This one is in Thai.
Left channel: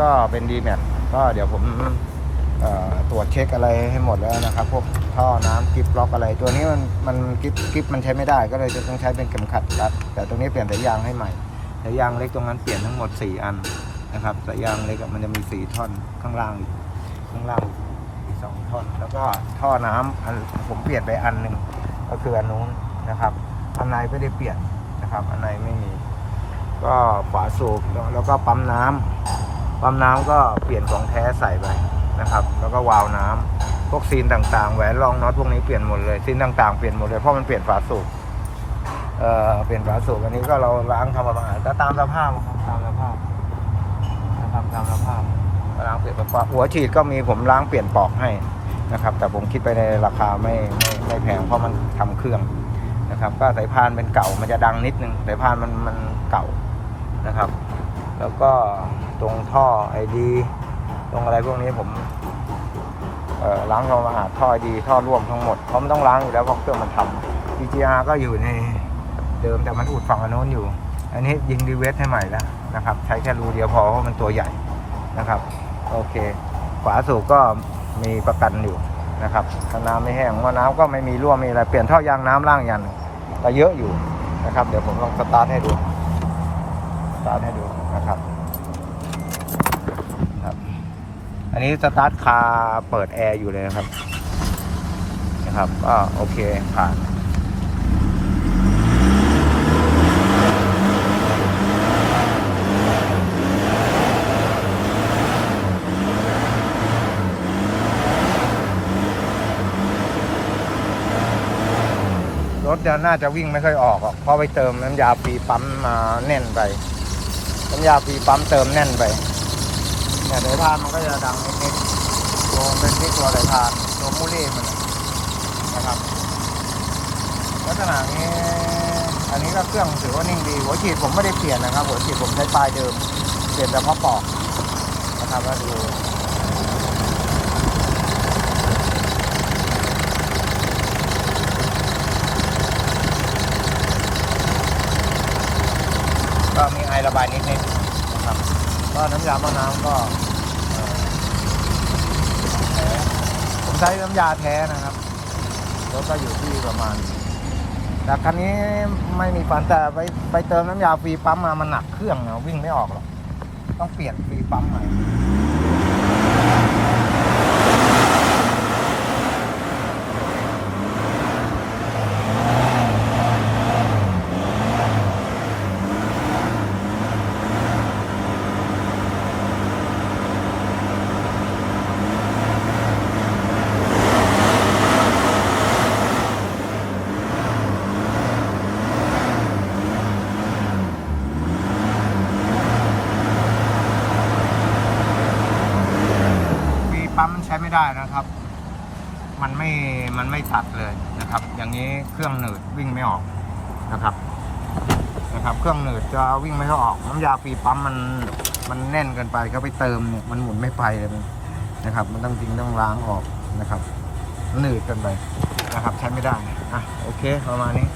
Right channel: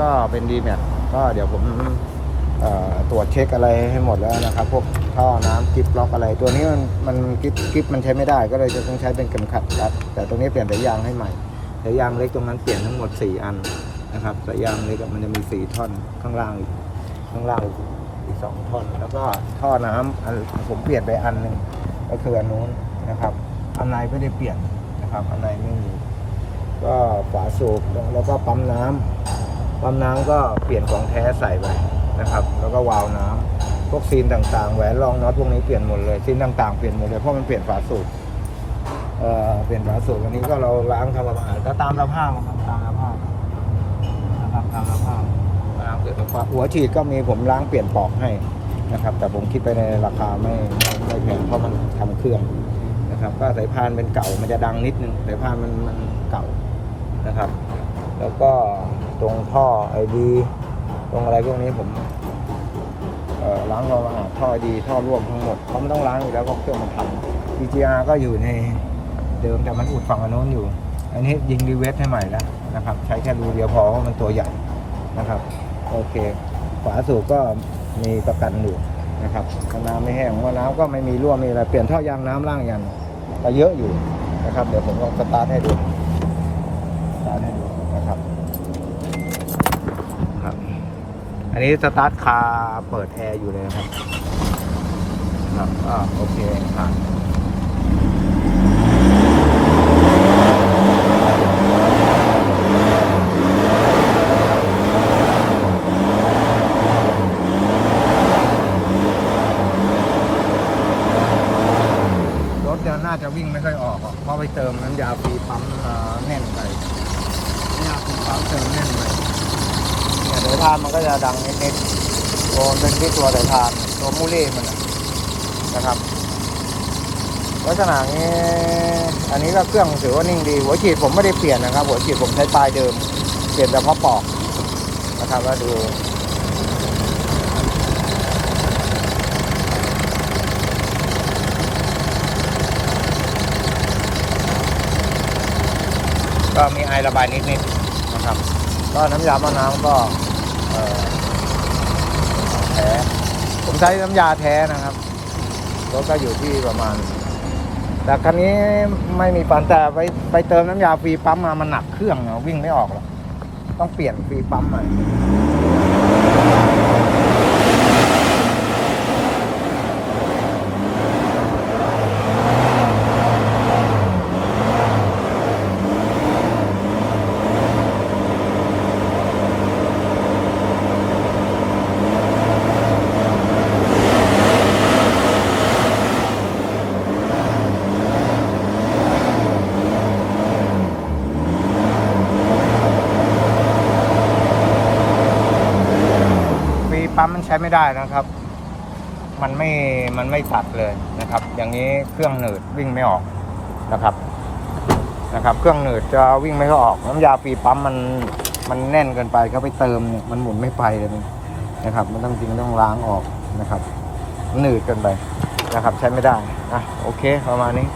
ก็เป็นดีแมทก็เดี๋ยวผมตรวจเช็คอะไรให้หมดแล้วนะครับ พวกท่อน้ำกิฟล็อกอะไร ตัวนี้มันมันกิฟกิฟมันใช้ไม่ได้ก็เลยจะต้องใช้เป็นเข็มขัดรัดแต่ตรงนี้เปลี่ยนสายยางให้ใหม่สายยางเล็กตรงนั้นเปลี่ยนทั้งหมด 4 อันนะครับสายยางเล็กมันจะมี 4 ท่อนข้างล่างข้างล่างอีกสองท่อน แล้วก็ท่อน้ำอันผมเปลี่ยนไปอันหนึ่งก็คืออันนู้นนะครับ อันในไม่ได้เปลี่ยนนะครับ อันในไม่มีก็ฝาสูบแล้วก็ปั๊มน้ำ ปั๊มน้ำก็เปลี่ยนของแท้ใส่ไปนะครับ แล้วก็วาล์วน้ำพวกซีนต่างๆ แหวนรองน็อตพวกนี้เปลี่ยนหมดเลย ซีนต่างๆเปลี่ยนหมดเลย เพราะมันเปลี่ยนฝาสูบเอ่อ เปลี่ยนฝาสูบอันนี้ก็เราล้างทำความสะอาดก็ตามสภาพครับตามสภาพนะครับตามสภาพล้างเปลี่ยนฝาหัวฉีดก็มีผมล้างเปลี่ยนปลอกให้นะครับ แต่ผมคิดไปในราคาไม่ไม่ไม่แพงเพราะมันทำเครื่องนะครับ ก็สายพานเป็นเก่ามันจะดังนิดนึงสายพานมันมันเก่า นะครับ แล้วก็ตรงท่อไอดีตรงอะไรพวกนี้ผมล้างความสะอาดท่อดีท่อร่วมทั้งหมดเพราะมันต้องล้างอยู่แล้วเพราะเครื่องมันทำ DGR ก็อยู่ในเดิมแต่มันอุดฝั่งอันโน้นอยู่ อันนี้ยิงดีเวสให้ใหม่แล้วนะครับ ใช้แค่รูเดียวพอเพราะมันตัวใหญ่นะครับ โอเค ฝาสูบก็มีประกันอยู่นะครับถ้าน้ำไม่แห้งว่าน้ำก็ไม่มีรั่วมีอะไรเปลี่ยนท่อยางน้ำล่างยันก็เยอะอยู่นะครับ เดี๋ยวผมลองสตาร์ทให้ดู สตาร์ทให้ดูนะครับครับ อันนี้สตาร์ทคาร์เปิดแอร์อยู่เลยนะครับนะครับก็โอเคผ่านรถจะน่าจะวิ่งไม่ค่อยออกหรอกเพราะไปเติมน้ำยาฟรีปั๊มมาแน่นไป ยาฟรีปั๊มเติมแน่นไปเนี่ยเดี๋ยทานมันก็จะดังนิดๆโดนเป็นที่ตัวเดี๋ยทานตัวมูเล่มันนะนครับลักษณะนี้อันนี้ก็เครื่องถือว่านิ่งดี หัวฉีดผมไม่ได้เปลี่ยนนะครับ หัวฉีดผมใช้ปลายเดิม เปลี่ยนแต่พราะปอกนะครับก็ดูก็มีไอระบายนิดๆ นะครับ ก็น้ำยามะนาวก็แท้ผมใช้น้ำยาแท้นะครับรถก็อยู่ที่ประมาณ แต่คันนี้ไม่มีปัญแต่ไปไปเติมน้ำยาฟรีปั๊มมามันหนักเครื่องอะวิ่งไม่ออกหรอกต้องเปลี่ยนฟรีปั๊มใหม่ ช้ไม่ได้นะครับ มันไม่ มันไม่สัดเลยนะครับ อย่างนี้เครื่องหนืดวิ่งไม่ออกนะครับ นะครับ เครื่องหนืดจะวิ่งไม่ออกน้ำยาฟรีปั๊มมัน มันแน่นเกินไปก็ไปเติมเนี่ย มันหมุนไม่ไปเลยมันนะครับ มันต้องจริงต้องล้างออกนะครับ หนืดเกินไปนะครับ ใช้ไม่ได้ อะ โอเค ประมาณนี้